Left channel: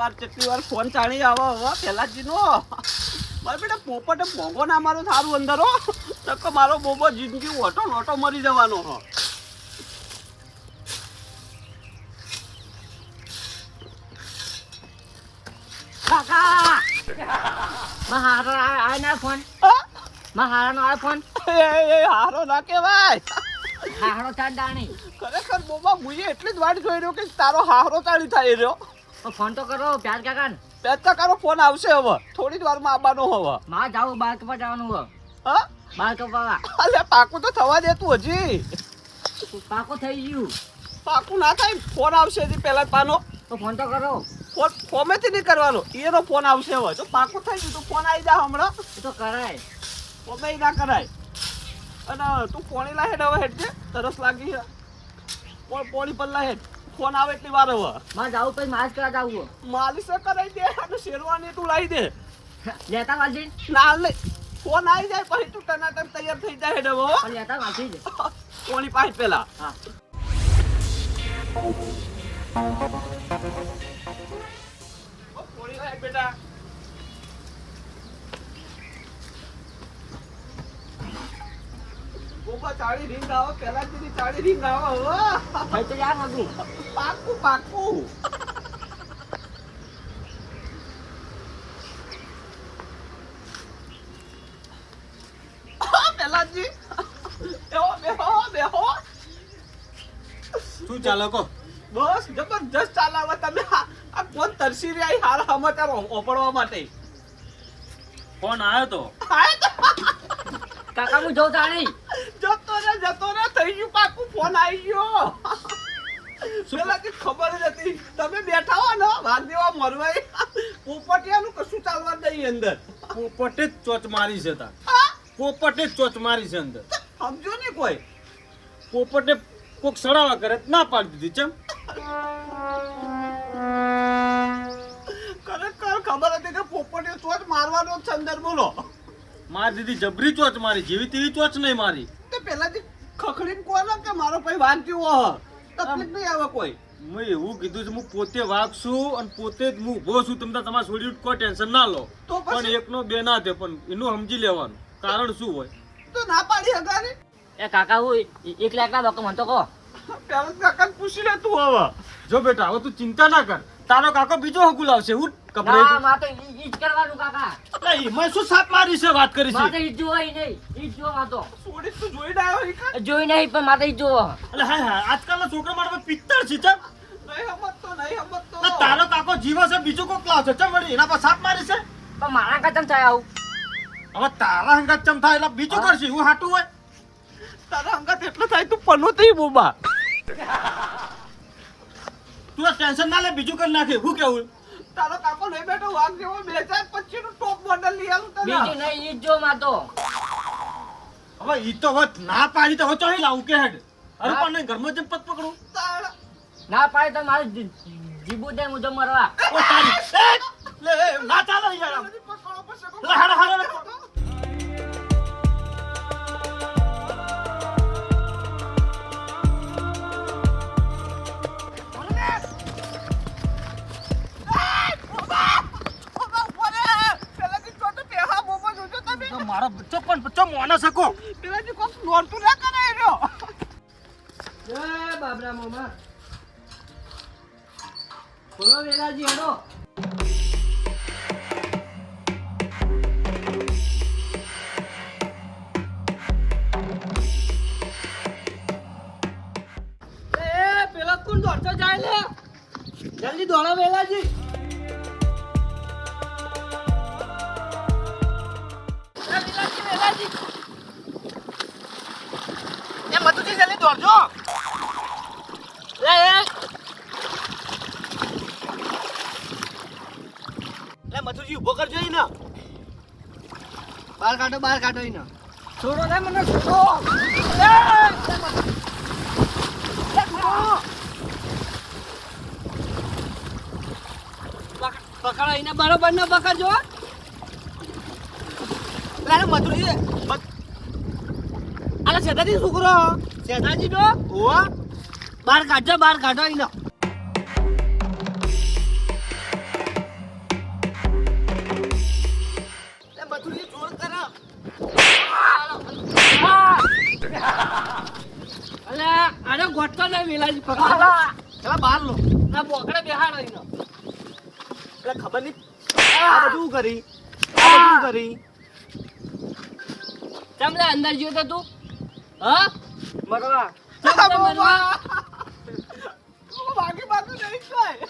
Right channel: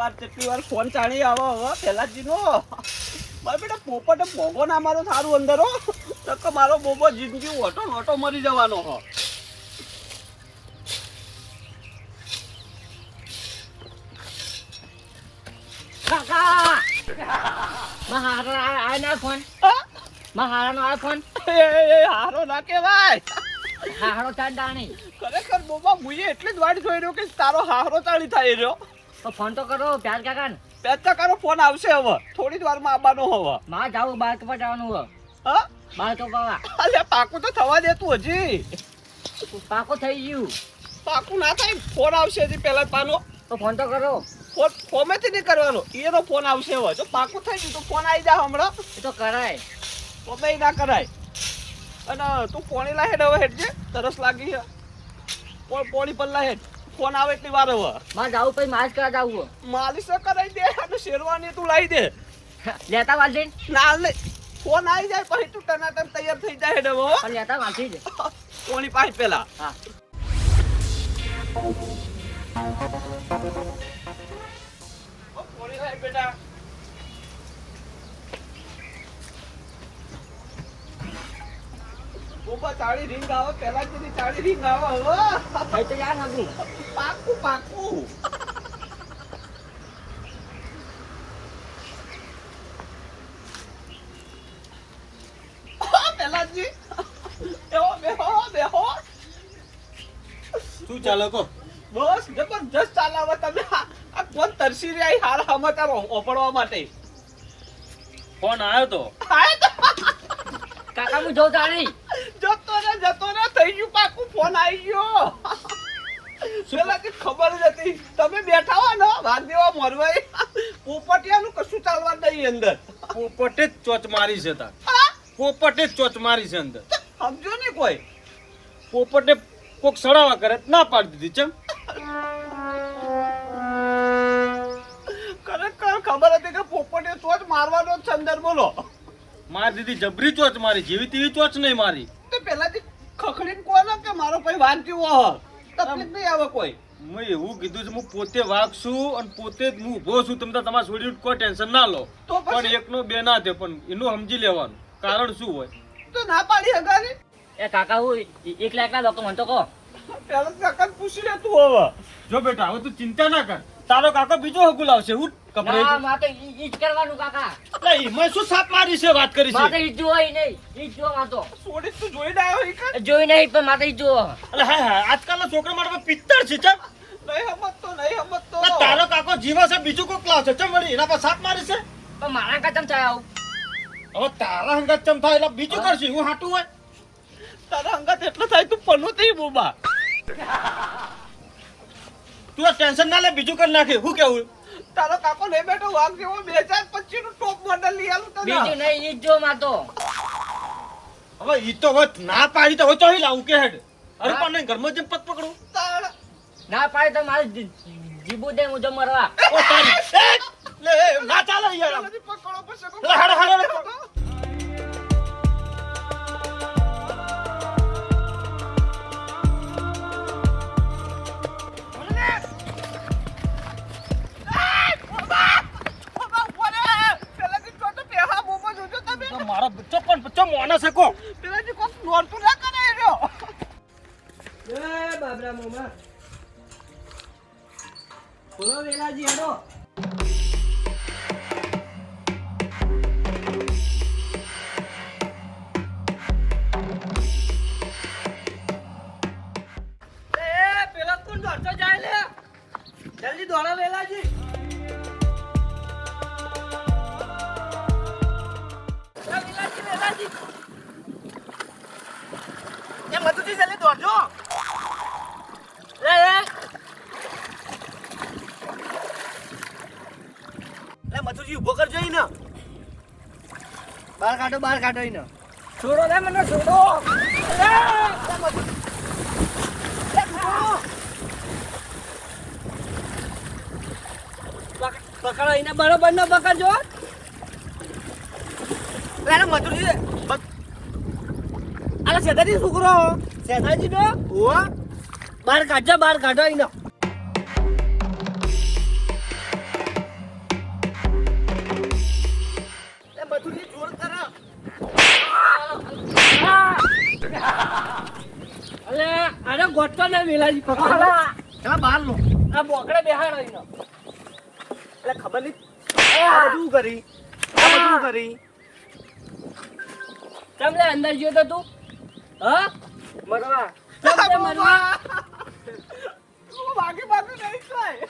વાર કેટલી વાર ફોન ચાલી આવો હવે પહેલાજીનો મારે બેટા પોપટે ભોગો ના મારો સારું અંદર તો મારો બોબો જિંદગી ઓટો નોટો મરી જવાનો હો. ના ફોન? આ ફોન. એ હારો ના કહેવાય. હારો ચાંદાણી ખરેખર બોબા મુએ એટલી જ વાટ જોઈ રહ્યો કે તારો હારો તાળી થાય રહ્યો. ફોન તો કરો પ્યાર કાકા ને બે ટકાનો ફોન આવશે હવે. થોડી જ વારમાં આવવાનો હવે. માં જાવું બાર કપા જવાનું હવે. હા? બાર કપા અલે પાકું તો થવા દેતું હજી. પાકું થઈ ગયું. પાકું ના થાય ફોન આવશે હજી પહેલા પાનો. તો ફોન તો કરો. ફોન ફોમેથી નહીં કરવાનો. એનો ફોન આવશે હવે. જો પાકું થઈ ગયું તો ફોન આવી જા હમણાં. એ તો કરાય. ફોમે ના કરાય. અને તું પોણી લાહેડ હવે હેડજે. તરસ લાગી છે પોણ પર લાહે ફોન આવે એટલી વાર હવે. માં જાવું પછી માસ કરા જાવું. માલિશ કરાવી દે અને શેરવાની તું લાવી દે. લેતા વાલજી? ના લે. ફોન આવી જાય પછી તું ટનાટન તૈયાર થઈ જાય હેઠ હવે લેતા વાલજી જ. કોની પાસે પેલા. હા. ઓ, પોણી લાય બેટા. બોબા તાળી રીંગ આવો પેલા જેની તાળી રીંગ આવો હવે તો યાર નતું પાકું પાકું. પેલાજી બેહો બેહો બેહો. શું ચાલે કો? બસ જબરજસ્ત ચાલાવે તમે. આ કોણ તરસી રહ્યા હાલ સમાચાર ઓપડવા માટે. ફોન આવ્યો તો. તો. કાકા હું જોઉં તાણી. જતો ને જતો ને થઈ ગયું પાકું ફોન આવી ગયો. પેલાથી ખબર જ હતી. તમે બેઠા હો ને વાઘદેવા મોરવાઈ. પોપટિયાનું કશું ચાલવા નહીં અંદર. પોપટે જ ચોચ મારી છે તાર? પોપટે જ ચોચ મારી છે અંદર. સમજો ને કોઈ. પોપટે કોક સડાવા કરે ના પાડી દીધી ચમ. ખરેખર ખબર હતી કે પોપટે ચોચ મારવાનો જ છે અંદર બોલો. મારી દીધી જબરી ચોચ મારી જેવી તેવી ચોચ નહીં મારી. તે પેલાથી ખખડીને કોને કે મારો ભાઈ વાંચ્યું હો તકલીફ નહીં આવે કોઈ. મેં એવું કીધું છે હું પોતે વાઘ અને પોતે જ હું ઊભો છું. તમને તમારે છોડ્યું કોઈ ટેન્શન ના લો. તો? પણ એકનો બે ના દે પણ એનું સમજી લેવાનું. કારણ શું હોય? તો ના પાડી હગારી? એ કાકા હું એકલા લોકો મને તો કહો. પેલા કાકાને પૂછી લે તું હવે. જો બેટા હવે તું ચિંતા ના કર. તારો કાકો બીજો હકુલ આવશે. હું ના માં તો ઈ ઈ કરવાનું કાકા. મેં શું સાપ મારી છે વાત કરી માં છે ઈ જ જોવાય નહીં ઈ જ જોવા તો સોડી તું જોઈને આવ્યો ઈ જોઈ નહીં પણ મારે ઈ જ અલે હા હા આજકાલના છોકરા માટે છે ચમ. નહીં નહીં તારો કાકો જીવે છે બીજું કોક લાવશે ચમ વળી એના પર સાપ મારી છે? પણ મારા કાચમ થાય આવું? હવે તારા હંગાત ચમ થાય એટલે બીજું કરશે હું હાટું હોય? તારા હંગત એટલો થાય તું પનો થઈ બોબા તું ટેન્શન ના લે બીજું કરી નાખે હું કેવું? તારો કાકો લઈ બેઠો વાઘ જેવો બે હજાર પચીસનું ટોપ મોડલ લઈ આલું તને. બીજું નહીં ઈ જો માં તો હવે ઈ તો વત ના પાડી તો હોતો લાવું કે હેડ? અરે પણ નહીં ઘરમાં જેમ પત પકડું. તારા. ના પાડી તો મારે જીબુ દે મુજો મરવા. ઓ તારી. લે ના ચાલે યાર પકડો પછી લે, હાલો, તો મારો બચ્ચો પણ બચ્ચો મોને શકો. પેલાથી કોક નોરતું ના કરે એ રહ્યો. એ બાબરા મામા. બોલો વેલાજી હેડો. એ પેલા કોણ દોડતો જાય લે. જલ્દી દોડો વેલાજી. દોડજો એ એ. મધુજી ઊભો કરજો ને. બાર કાઢો બાર કાઢો ને. છોડો લે મને છોડો. પકડો એને બરોબર નો પકડજો. પેલા મધુજી અરે સેદાજી છોકરો શેતાજી નો ઓવા બાર કાઢજો બાર કાઢો ઈનો એ મથુરી ને વેલાજી પકડો. ચા આ બોકડા બેહાડો ઈનો એટલે ખબર નહીં. બધું કરી? આ કરી? તમને અંદર જોતો તું? હા? મરવા. કેમ મરવા. વાગી વાગી નહીં થાય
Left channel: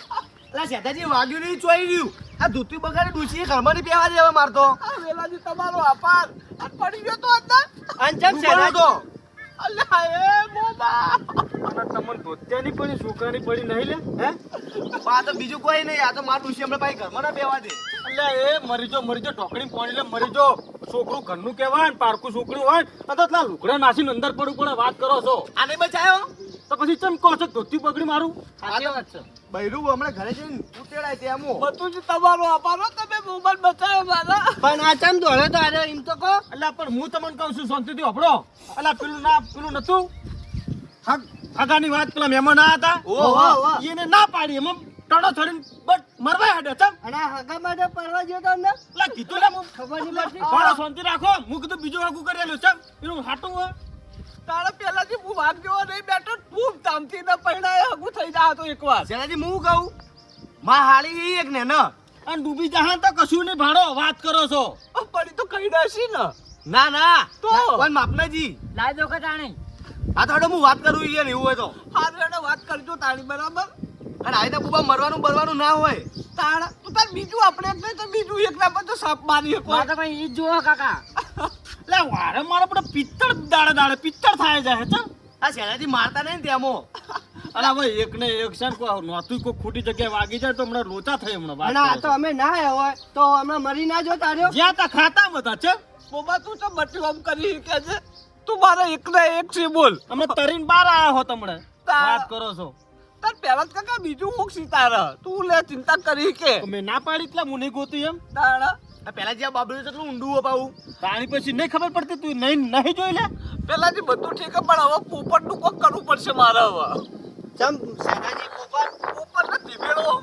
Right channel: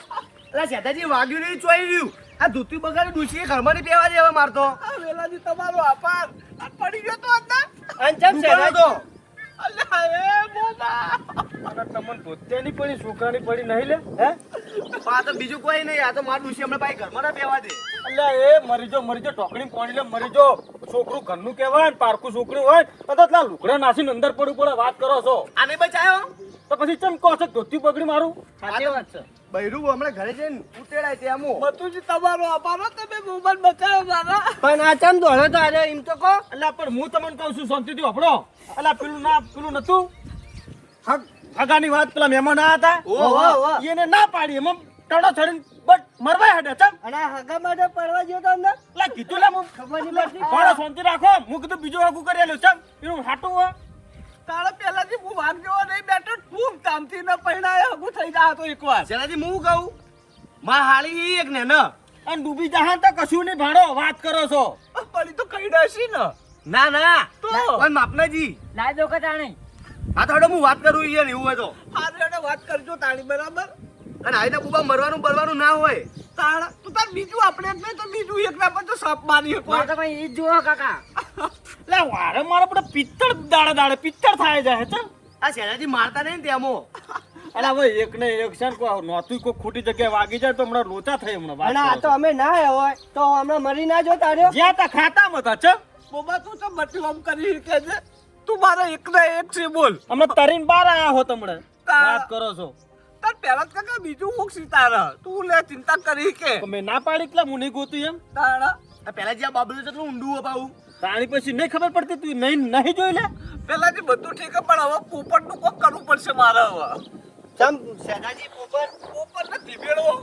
લા સેતાજી વાગ્યું નહીં ચોઈ રહ્યું. આ ધોતી બગાડી ડૂસી ઘરમાં પેવા દેવા મારતો આ વેલાજી તમારો આભાર. આ પડી ગયો તો અંદર. અંચમ તો અલ્લાહ એ બોબા અને તમને ધોત્યાની પડી છોકરાની પડી નહીં લે? હે? આ તો બીજું કોઈ નહીં આ તો માર ડૂસી હમણાં પાછી ઘરમાં ના પહેવા દે. અલ્યા એ મરીજો મરીજો મરી જો ટોકણી પાણી લે મરીજો. છોકરું ઘરનું કહેવાય ને પારકું છોકરું હોય તો તો એટલા લુકડા નાસીને અંદર પડવું પડે વાત કરો છો. આને બચાયો? તો પછી ચમ કહો છો ધોતી બગડી મારું? સાચી વાત છે. બૈરું હમણાં ઘરે જઈને ઉતેડાય ત્યાં મો બધું તમારો આભાર તમે મોબાઈલ બચાવ્યો મારા. પણ આ ચમ દોડે તો આજે એમ તો કહો. એટલે પણ હું તમને કહું છું શાંતિથી હપડો એટલે પેલું ના પેલું નતું? હગ હગાની વાત પેલા મહેમાન ના હતા. એને ના પાડી એમાં ટણો છોડીને બટ મરવા હેડે છે અને હગા માટે પરવા ગયો તો અંદર લા કીધું લે ખબર નહીં પડતી. થોડો શાંતિ રાખો. હું કીધું બીજું આગું કરેલું છે ચમ. એનું હાટું હોય. તારા પેલાથી હું ભાગ જેવો નહીં બેઠો ખૂબ તામથી ન પરણાય હગું થઈ જાય તો એકવાર. શેઠાજી હું કહું માં હાળી એક ને ન. અને ડૂબી જહા તો કશું નહીં ભાડો વાત કરો છો. પડી તો કઈ દેશી ને. ના ના. તો? કોઈ માપનાજી લાઈ દો કે આ તો હું વાત કરું યાર એવું હોય તો. એને વાત કરજો તારી બરાબર? અને આવી તો બુબા મરવાનું બરવાનું ના હોય. તાણ તું તાર બીજું આપણે એક તો બીજું એક ના પર તો સાપ મારી એક મારે તો પણ ઈ જ કાકા. લે વારે મારે પણ પિત્તળ દાડે દાડે પિત્તળ થાય જાય તો આ શેઠાજી મારતા નહીં ને ત્યાંમો અરે હવે એક ને એક છે ને કોઈ ખોટી જગ્યાએ વાગી જાય તો હમણાં લોચા થઈ હમણાં આ તો અમે ના આવ્યા હોય તો હમણાં મરી ના જો તારે જ્યાં તા ખાતા મતા ચમ. બોબા તું તો બટલું આમ કરી કે છે. તું મારા એક ના એક છે બોલ. અમે તરીન બાર આયા હો તમને વાત કરો છો. તાર પેલા જ કાકા બીજું મૂકશી તારા તું લે ચિંતા કરી કે. મેં ના પાડી એટલે હું નહીં ગોતું એમ? તાણા. આ પેલા જે બાબલું છે એટલું ઊંડું અપાવું. તાણી પછી નહીં ખબર પડતી તું નહીં નહીં જોઈ લે? પેલાથી બધું ઠીક પણ હવે પોપટનું કોક કરવું પડશે મારે હવે. ને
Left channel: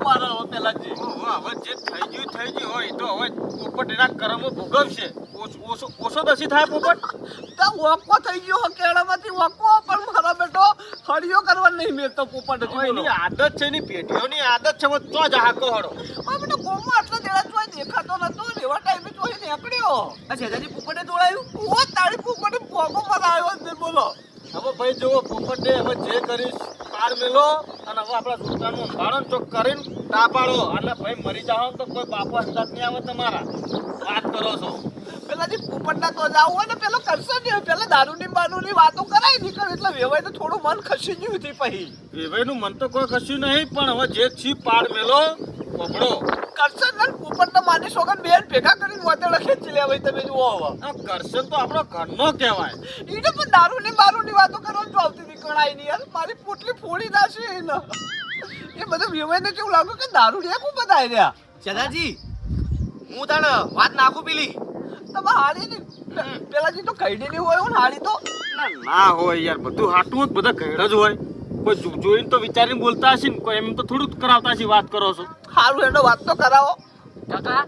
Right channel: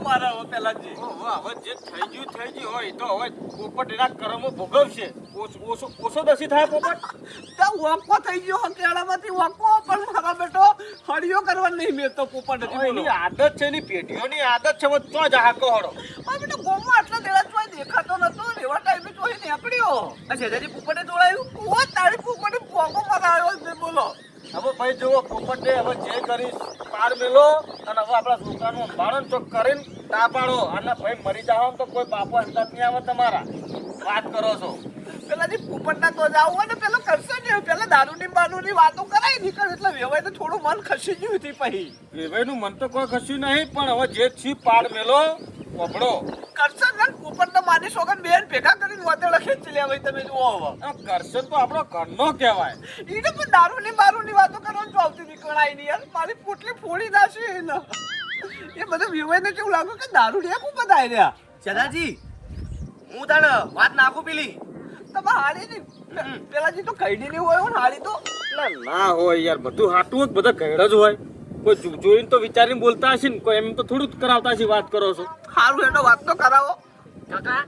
મારે હવે જે થઈ ગયું થઈ ગયું હોય તો હવે પોપટ એના કર્મો ભોગવશે. ઓછો ઓછો દસી થાય પોપટ? ત્યાં વાંકો થઈ ગયો કેળામાંથી વાંકો પણ મારા બેટો કરવા નહીં મેળતો પોપટ હતી એની આદત છે એની પેટીઓની આદત છે હવે તો જ હાકો હવે બેટો ગોમાં આટલા દેડા દેખાતો નતો એવા ટાઈમે ચોય નીકળ્યો. આ શેઠાજી પોપટે તોડાયું ઓ તારી પોપટી ભોગો મરાયો બોલો. હવે ભાઈ જુઓ પોપટ હવે જે કરીશ પાર મેલો અને હવે આપણા દોસ્તારનું અંભારણ ચોક કરીને તાપાડો એટલે ભાઈ મરી જાઓ તો કોઈ બાપો અંદાજ નહીં આવે તમારા. વાત કરો છો. પેલાથી પોપટના તો જાવ હોય ને પેલો કરશે ને પેલા દારૂની બારૂની વાતો કરાય નીકળ એટલે વેવાય તો થોડું મન ખસી ગયું હતી પછી. વેવાઈનું મન તો કોઈ ખસ્યું નહીં પણ હવે જે છી પાર મેલો વભડો કરશે ને પોપટ તો માની સોગન બેન ભેગા કરીને મોતે લખે છે લે ભાઈ તમે જુઓ હવે. કરશન તો આપણો ઘરનો કહેવાય. એને પણ દારૂની બારૂની વાતો કરવાનું તો આવતી નીકળાય નહીં યાર. મારી પોટલી ફોડી એને. એ બધું વેવાઈને કેવું લાગ્યું કે દારૂ રે ખૂબ બધા રહ્યા? શેઠાજી હું તને વાત નાખું પેલી. તમે હાડી ની પેલાજી તો કઈડી નહીં હોય ને હાડી તો. ના ના હોય યાર બધું હાટું જ બધા ઘેડ જ હોય. કોઈ જો- જોઈને તો વિચારીને બોલતા હશે ને કોઈ એમ તો થોડું કરાવતા હશે વાત કરો છો. સારું એટલે વાત તો કરાવો. કાકા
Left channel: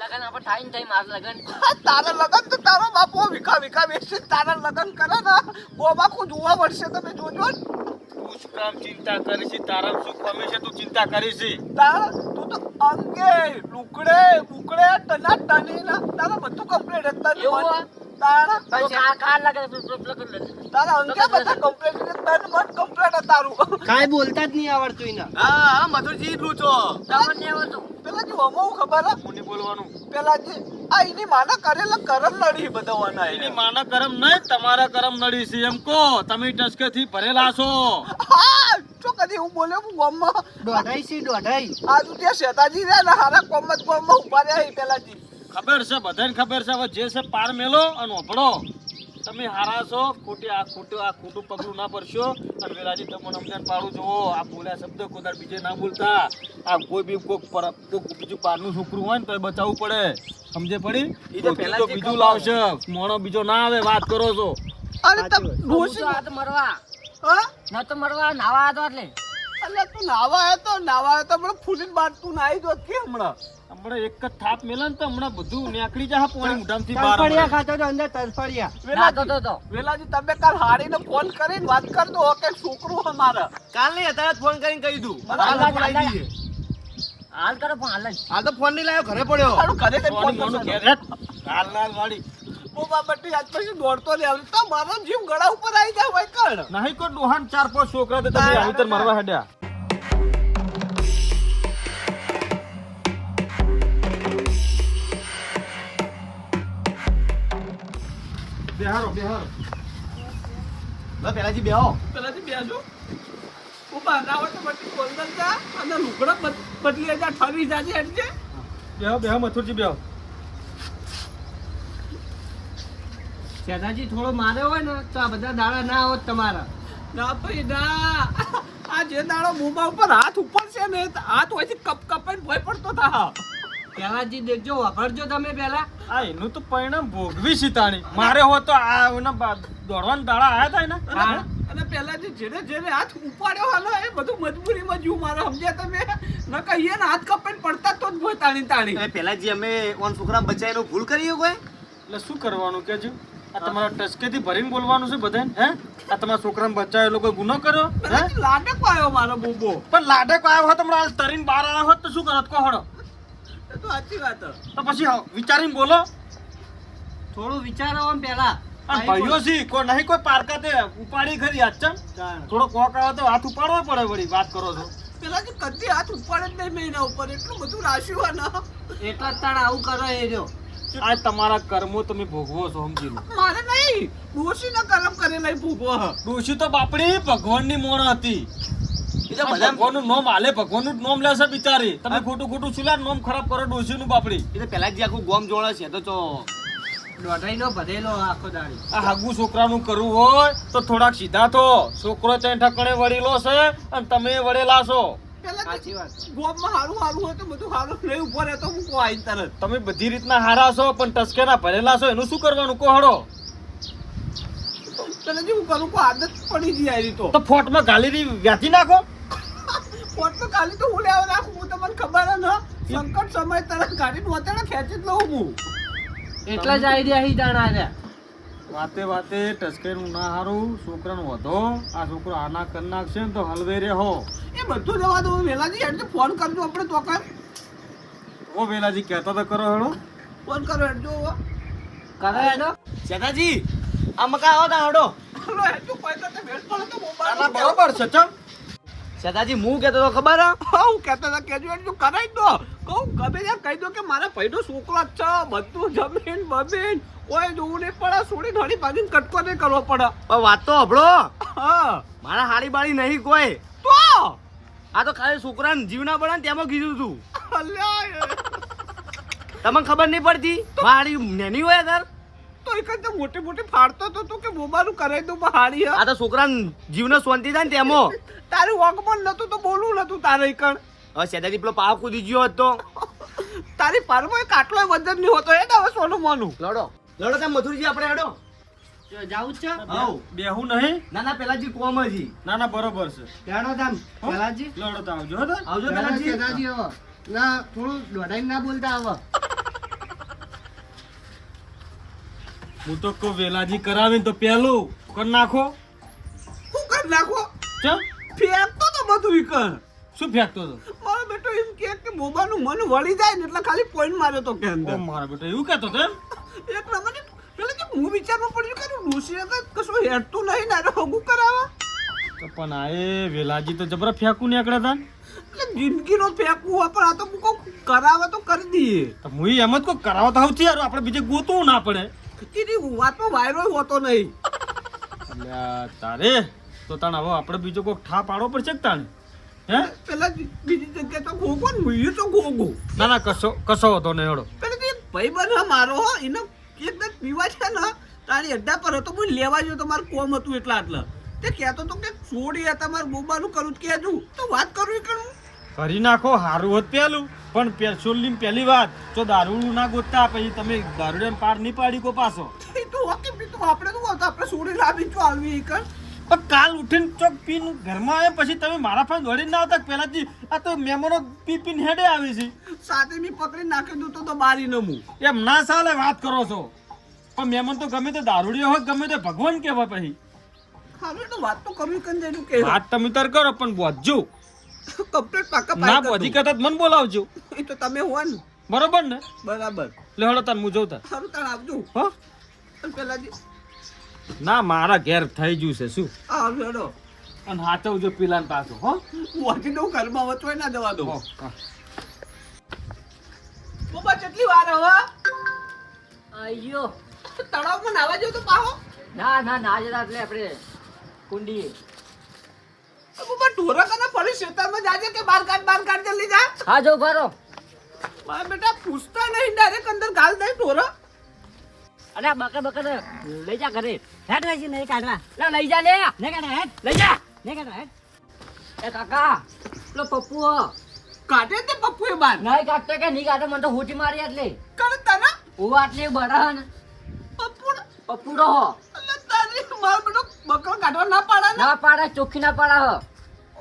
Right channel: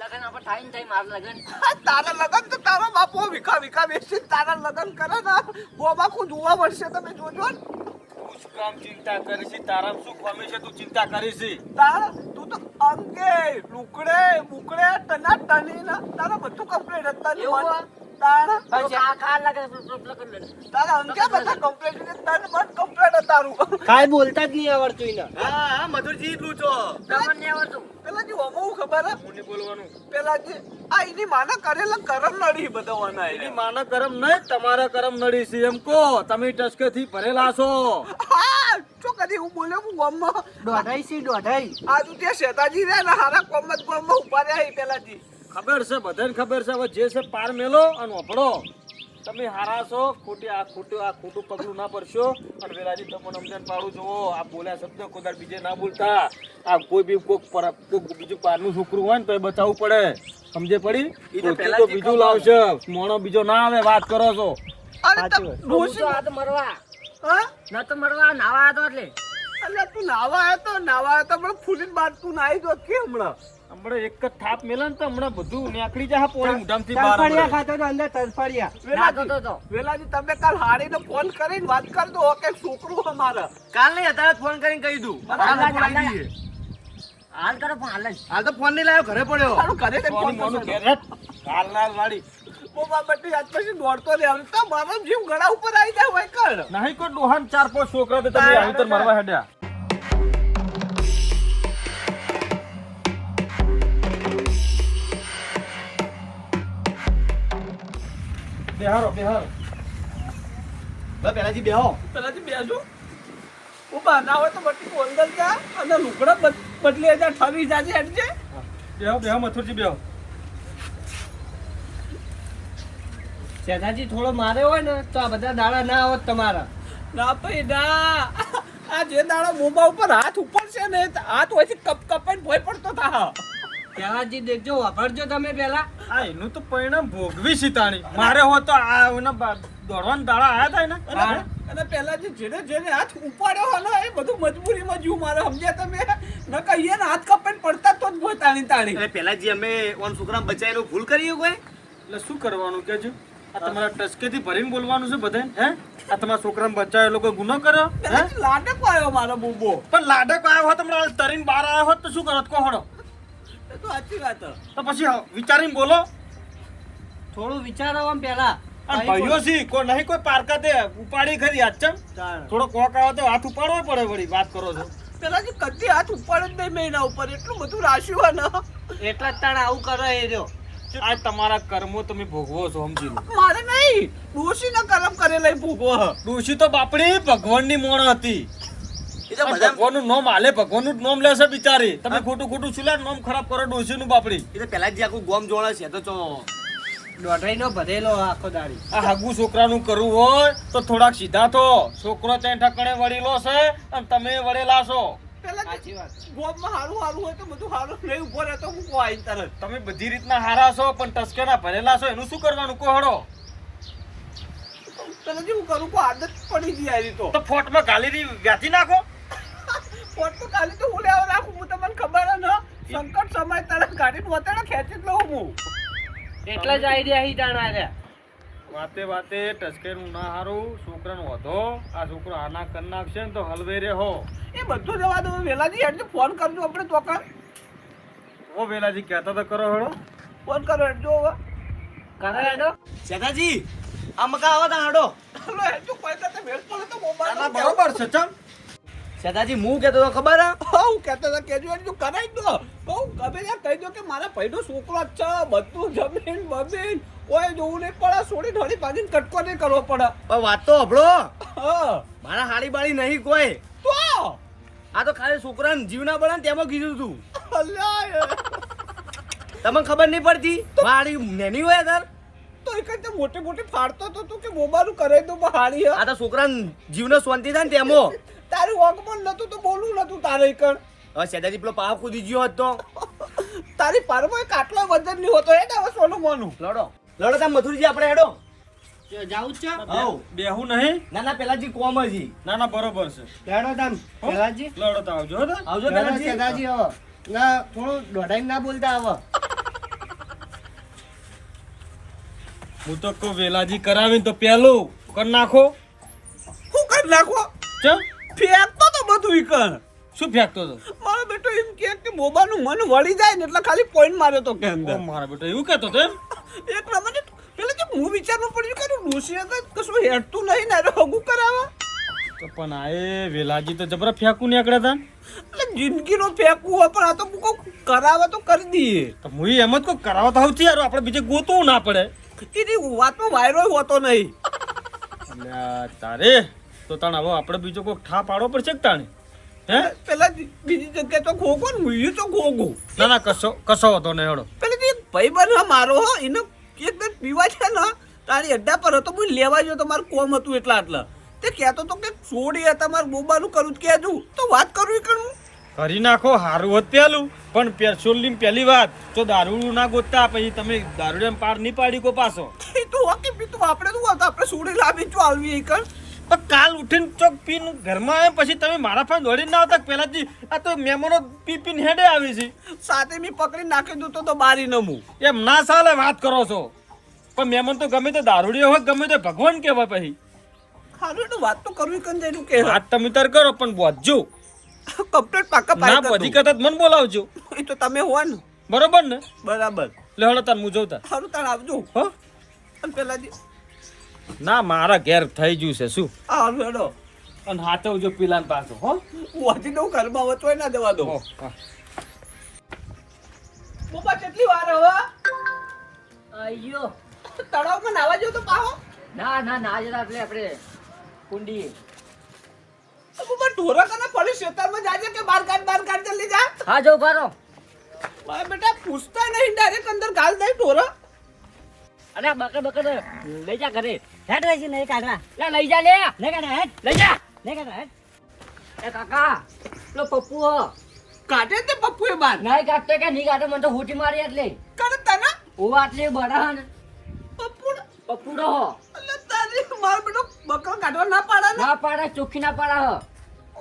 લગન આપણે થાય ને થાય મારું લગન. તારા લગન તો તારો બાપો વિખા વિખા બેસી તારા લગન કરે ને ખુદ જોવા પડશે તમે જોજો તું શું કામ ચિંતા કરી છે તારા શું કમી છે? તું ચિંતા કરી છે તારા તું તો અંગે લુકડે બુકડે તના ટની ના તારા બધું કમ્પ્લીટ હતા એવું તો કા કા કાંઈ બોલતા જ નહીં આવડતું એને. હા હા મધુરજી એટલું છો. તમને નહીં આવડતું. પેલા જે હમો ખબર હે? બોલવાનું. પેલા જે આ એની માના કરેલા કરમ નડી બધા એની માના કરમ નહીં તમારા કરમ નડી છે એમ કહો. તમે ટસકેથી ભરેલા છો. હા જો કદી હું બોલે હું ગમમાં દોઢાઈ છે દોઢાઈ. તું ત્યાં શેતાજી રે ને હારા કોમત કોમમાં ઊભા રહ્યા એ પેલાથી. ખબર છે બધાને ખબર છે હવે જે છે પાર મેલો અને ઓભળો. તમે હારા છો ખોટી આ ખોટું આ ખોટું પગલું ના પડશો અને વેલાજી તમને સમજણ પાડું જુઓ આ બોલ્યા શબ્દ કોદાર બીજે ના બોલતા. આ કોઈ બી કોઈક બીજું પારનું છોકરું હોય ને તો એ બચાવવું પડે. સમજે પડી? ઈ તો બીજું લાવશે. મોણો બીજો ના આવે વાત કરો છો. તો મરવા. હા? તો મરવા નાવા હતો એટલે. અલ્યા તું નાવા આવ્યો તો નાવા આવ્યો તો હમણાં ફૂલીને બાર તું નાહી દો કે હમણાં? હમણાં એક જ થાપ મેલે ને તો હમણાં બધું નીકળી જાય પોણી મોઢામાંથી બહાર તરફડિયા ખાતો તો અંદર તરફડિયા નાતો તો તો વેલાજી તમે કાલ હાડીને ફોન કરીને વાત કર દો કે છોકરું અમારા. કાલ નહીં અત્યારે ફોન કરીને કહી દઉં. હાલ કરો પણ હાલ હાલ. તો ફોન નહીં લાવ્યો ઘરે પડ્યો. ઘરે ફોન મોનું કરશે. ઘેર હેટ. હાલ ના વાળી. બોબા બટી આજ પછી દોડતો આવે તો મારો જીવ ગળા ઉપર આવી જાય હોય કર નહીં કોઈ ડોહાન ચાર પાંચ છોકરા તો તમે આવી મારવા હેડ્યા. બેહારો બેહારો. બે પહેલાથી બેહો. પહેલાથી બેસો ઊભા ના હોય તો પછી અંદર જા અને લુગડા બદલી જા ઠરી જાજે એટલે બેહો બેહો મથુરજી બેહો. સેનાજી થોડો માર્યો હોય ને તો આ બધા દાડા ના આવત તમારા. ના ભાઈ ના. આ જે દાડો મોબા ઉપર હાથ ઉપર છે ને હાથ હોયથી કપ કપાઈને ભોય પડતો થા પહેલાજી દેખજો વાપરજો તમે પહેલા. આ એનું તો પરિણામ ભોગવી સીતાણી મારે હો તો આ એના દોડવાના દાડા આયા થાય ને અને પહેલા જે જેને જેને હાથ ઉપાડ્યો હાલો એ બધું મજબૂરીમાં જીવ મારે સમજ્યા તમે? ન કહીએ ને હાથ કપાઈને પડતા તો જ ભોય તાણી તાણી. પહેલા જે અમે ઓન છોકરા બચાયેલો ભૂલ કરી કોઈ? એટલે શું કરવાનું કે છે આ તમારા ટસકેથી ભરીને બોલવાનું છે બધાને હે? આ તમારા છોકરાને બચાવેલો કોઈ ગુનો કર્યો? હે? લાડક આવ્યો મારો બોબો. પણ લાડક આવ્યો હોત હમણાં તરીને બહાર આવ્યો હોત તો શું કરત? કોહડો? એ તો સાચી વાત તો પછી વિચારીને બોલો. થોડું વિચારો આમ પહેલા. આ ભાઈઓ છે કોઈ નહીં કોઈ પારકા તે ઉપાડી ખરી આજ થોડો કોક આવે તો હાથ ઉપાડવો પડે વળી વાત કરો છો. પેલાથી કદી હાથ ઉપાડે જ નહીં મેં ઉપર એટલું બધું રાશ્યું હોય ને એટલા જ તાણ આવું કરે એ રહ્યો આ તમારા કર્મો તમે ભોગવો છો સમજી લો. મારે નહીં ડોશી ના કર્મ કરેલા ભોગવો ડોશી તો બાપડી ભગવાનની મોણ હતી. ભગવાનનું નામ આલે ભગવાનનું નામ લેશે બિચારી. તમે ખોટું ખોટું સુલા નામ ખરાબ કરો બાપડી. એ તો પહેલાજી આખું ગોમ જોડે છે તો ચો. દોઢાઈનો ભરેલો આખો દાડી. આ હાગુ છોકરાનું કરવું હોય તો થોડાક સીધા તો છોકરો ત્યાં ઠકણે વળેલો છે અને તમે વળેલા છો. તમે બધી રીતના હારા છો પણ ટસકેના ભરેલા છો એનું શું કરવાનું? કોહડો પેલાથી હું કરું કોઈ આદત પડી જાય તો. તો ફોટમાં ગાલી વ્યાથી નાખો. તો ખાલી તો હું લેવા રાખું હું તમને ખબર ન ને. સંકટ સમય તરફ ગાડી પોતે ખેંચી જ લઉં હું. એટલા જ આઈડિયા હી જાણા રહ્યા વાતે વાતે ટસકેનું ના હારું છોકરાનું વધો. આ છોકરો આના કરી નાખશે ને તો હલવે રે હો. એ બધું જવા દો વેલાજી એટલે ફોન કરજો આપણે તો કર ઓ વેલાજી કહેતા તો કરો હેડો. ફોન કરો હેડજો હવે. કરે હેડો. ચેતાજી આ મકા આવો તા હેડો હેડો પૈસા તો ભેળ પડે તો મોબાઈલ બરાબર છે ચમ. સેનાજી હું કહેતો તો ખબર હા? હું કહેતો હતો કેજો તું કરાઈ દો. કહું કબે કહી દો કે મારા ભાઈનો છોકરો જ છે બધું જમીન બમીન. કોઈ જોવું નહીં પડે સોડી ઘણી ભાગીને કટકો નહીં કરવો પડે. પણ વાત તો હભળો હા. મારા હાડી બાળી નહીં કોઈ. તો? આ તો ખાલી છોકરાને જીવના બળે ને તેમાં કીધું તું. તમને ખબર નહીં પડતી? મારી નેની હોય તાર તો એક મોટે મોટી ફાડતો તો તું કે બોબાનું કરાઈ દઉં હારી આ તો છોકરા જીવનો શાંતિ થાય ને તેમો તારું વગમન નતું તો બોલવું નતું તારે કણ. હવે સેદાજી પેલો પાવ કૂદી ગયો હતો તારી પારમાં એક આટલો વજન નહીં હોતો એ હવે સોનું મોનું. લડો. લડો તમે મથુરજી આપણે હેડો. જાવું છે? બેહું નહીં? ના ના પેલાજી કોમ હજી. ના ના બરોબર છે. હેડો તમ પેલાજી. લડો તો આવજો આવજો પેલાજી. સેદાજી હવે. ના થોડું દોડાઈ ના બોલતા હવે. હું તો કહું વેલાજી કરાવીને તો પેલું કર નાખો. શું કર નાખો? ચમ? ફેંકતો તો બધું ઈ કર. શું ફેંકતો તો? મારો બેટો એમ કે કે બોબાનું મન વળી જાય ને એટલે ખાલી પોઈન્ટ માર્યો તો કે અંદર. મારો બેટા એવું કહેતો તો એમ? એક નંબર પેલે જે હું વિચારમાં પડ્યું કે ડોસી આગળ કશું હેડતું નહીં ને હગું કરાવા તો પણ આ એ વેલાજી તો જબરા ફેંકું નીકળ્યા હતા એટલે જિંદગીનો ફેંકવું હોય પણ આ તો હું કહું કરાવે તો કરી દઈએ. તો હું એમ જ કોઈ કરાવતા તો સૌથી યાર આપણે બીજે ગોતવું ના પડે. એની વાતમાં વાયરો હોતો નહીં. અલ્યા તારે? તો તાણ હવે આપણે બીજો કોઈ ઠા પાડવો પડશે કે તાણે? હે? પેલા બીજી જગ્યાએ તો ખોખો ને હું તો ખોખો. ના ના કશો કશો હતો નહીં હળો પેલા જે ભાઈ બન મારો હો એને એક બે પીવા છે ને તારી અડ્ડા પર હતો હું લેવા ગયો તો મારું કોમ હતું એટલા આટલા. તે કહેતો તો કે છોડી મારું બોબાનું કરું જ કહેજું તો વાત કરું કરું. કરી નાખો હારું હોત પેલું. પણ પેટ્રોલની પહેલી વાત તો દારૂ ના ગોતતા પછી તમે દારૂ પાર નહીં પાડી કો પાછો. તો બી પીતું આપણે હતું આપણે છોડી લાવી જો આલવી કર પણ કાલ ઉઠીને ચોક પીને ઘરમાં આવે પછી તમે મારા પાસે દોડીને ના આવતા પહેલાથી આ તો મેમોનો પી પીને હેડે આવી છે. સાથે મી પકડી નાખી દઉં તો તો બારી નમું એમ ના ચાલે વાત કરો છો. પણ મેમન તો ગમે તે દારૂડીઓ હોય ગમે તે ભગવાન કહેવાય પછી. હારું તો વાત તો કરવી જઈનું કે વાત તમે તર કરો પણ બોધજો કમ્પ્લીટ પાકા ના બધી કદાચ મને બોલાવજો. એ તો તમે હો ને બરોબર ને? બરાબર. લે હળો તન હું જોતા તાર સારું તાણ આવજો. હો? અને પેલાથી ના મારા ઘેર થઈ ગયું છે શું? આ હારું હેડો. અને હાથવજો પીલાન પાછો હો? વાંચી દઉં ઘરમાં વચવાય ના જવા દઉં. હો, કેટલી વાર હવે અయ్యో તળાવમાં નાવા જો તો પાહો. ના ના ના આજે એટલે આપણે કુંડી. બુબા ઢોરા કને ફરી ખેતરમાં જાજે કે બાર કાઢ બાર કાઢ જલ્દી જા. હા જો કરો મારા બેટા પૂછતા નહીં ડાયરેક્ટ અંદર ગાલ દઈ ઢોરા. અરે બકર બકર લઈ જા ઘરે. હેડ લઈ નહીં કાઢવા. લે લઈ જા લે. નહીં કાઢવા હેડ. લઈ જા. નહીં કાઢવા હેડ. એ કાકા પેલો પપ્પુ કાઢે તે પપ્પુ એ બાર. નહીં કાઢતો કે નહીં કાઢતો મને તો હુટી મારી એટલે. કરે તને? ઉવા એટલે બડા પપ્પુ પપ્પુ રો હો તારી મારો બેટો બકરો કાઢવા ના પાડે ને. ના પાડા ચોખ્ખી ના પાડા હો.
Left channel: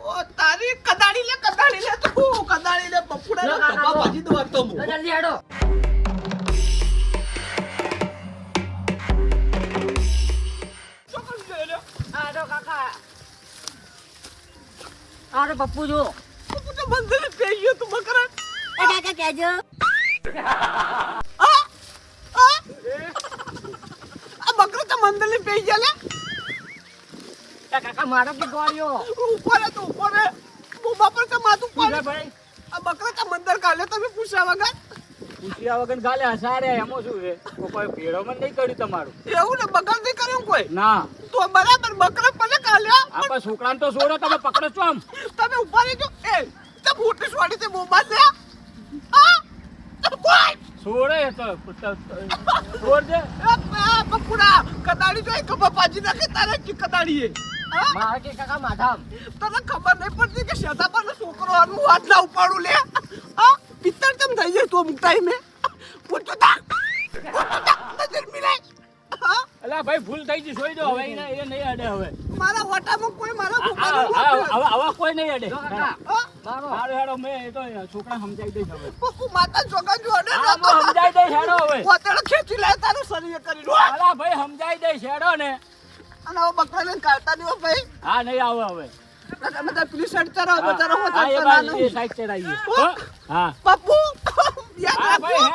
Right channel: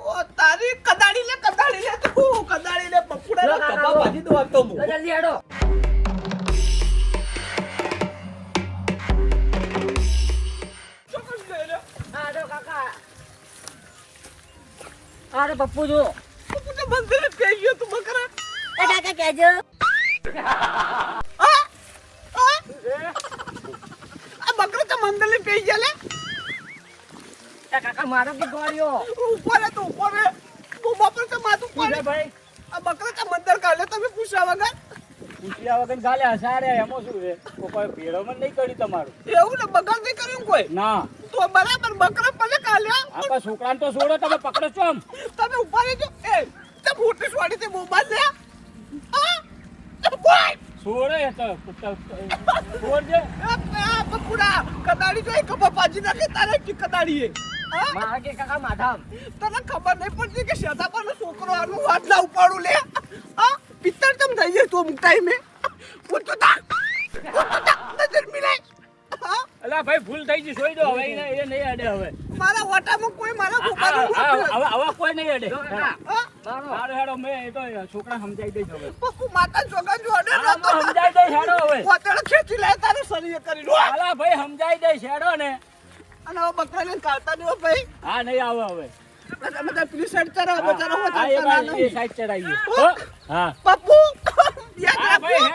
ઓ તારી કદાડી લે કદાડી લે તું કદાડી લે પપ્પુડા લે લો. ભાજી દો તો મુ. જલ્દી હેડો. તો પપ્પુ જો પપ્પુ તો મંદિરે જ કહી ગયો તું બકરા. એ કાકા કહેજો. આ? બકરા તો મંદિરે પી ગયા લે. કાકા મારો કે ગોળ્યો ઉપર તો ઉપર રે. પર તો માથું પડે ભાઈ. આ બકરા તો મંદર કાલે તમે પૂછ્યા વગર? પૂછ્યા વગર ગાલે હસારે એમો શું છે? કોઈ ભેળો મન નહીં કર્યું તમારું. એવું ને બગાડ નહીં કર્યું કોઈ? ના. તો બરાબર બકરા ભલે કાલે આપા છોકરાને તો છોડો તમે પકડો છો આમ. તમે ઊભા જો એ તે મોટી છોડી તે બોમા લે હા? કોઈ? છોડે તો છોડજે. પકુડા કદાડી જોઈ તો પપ્પાજી નાખે તારે કે કદાડી એ હા? મારે કે કાકા માધા તને ખબર નહીં પડતી કે શેતા પર છોકરો આનું હાથ ના ઉપાડું લે? હા? પિત્તર ચમ થઈ જાય તું અમુક ટાઈમે પૂછતો તા નજર મિલાય અલા ભાઈ ભૂલ થઈ ગઈ છોડી દો. હવે એ નહીં અડે હવે. મારા વટામાં કોઈ મારા હવે હવે કોઈ નહીં અડે મારો મારો હેડો મેં એ તો છોકરા સમજાઈ દઈશ હવે. માતા જોગા જો અડે સમજાઈ દઈશ હેડો હવે. પોતેડો ખેંચી લે તારે શરીર કરી લો અલા ભાઈ સમજાઈ દઈશ હેડો ને. અને હવે બકરાને કાઢતા નહીં ભાઈ. હા નહીં આવે હવે. તમે બધા પેલી સાઈડ ચરો બચારો હો એ સાઈડ ચડાવીએ. હા? પપ્પુ હા ભાઈ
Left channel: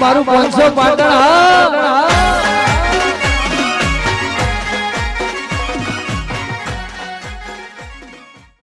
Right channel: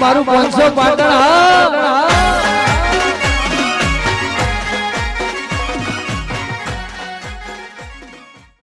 મારું પાંચસો પાટણ હા.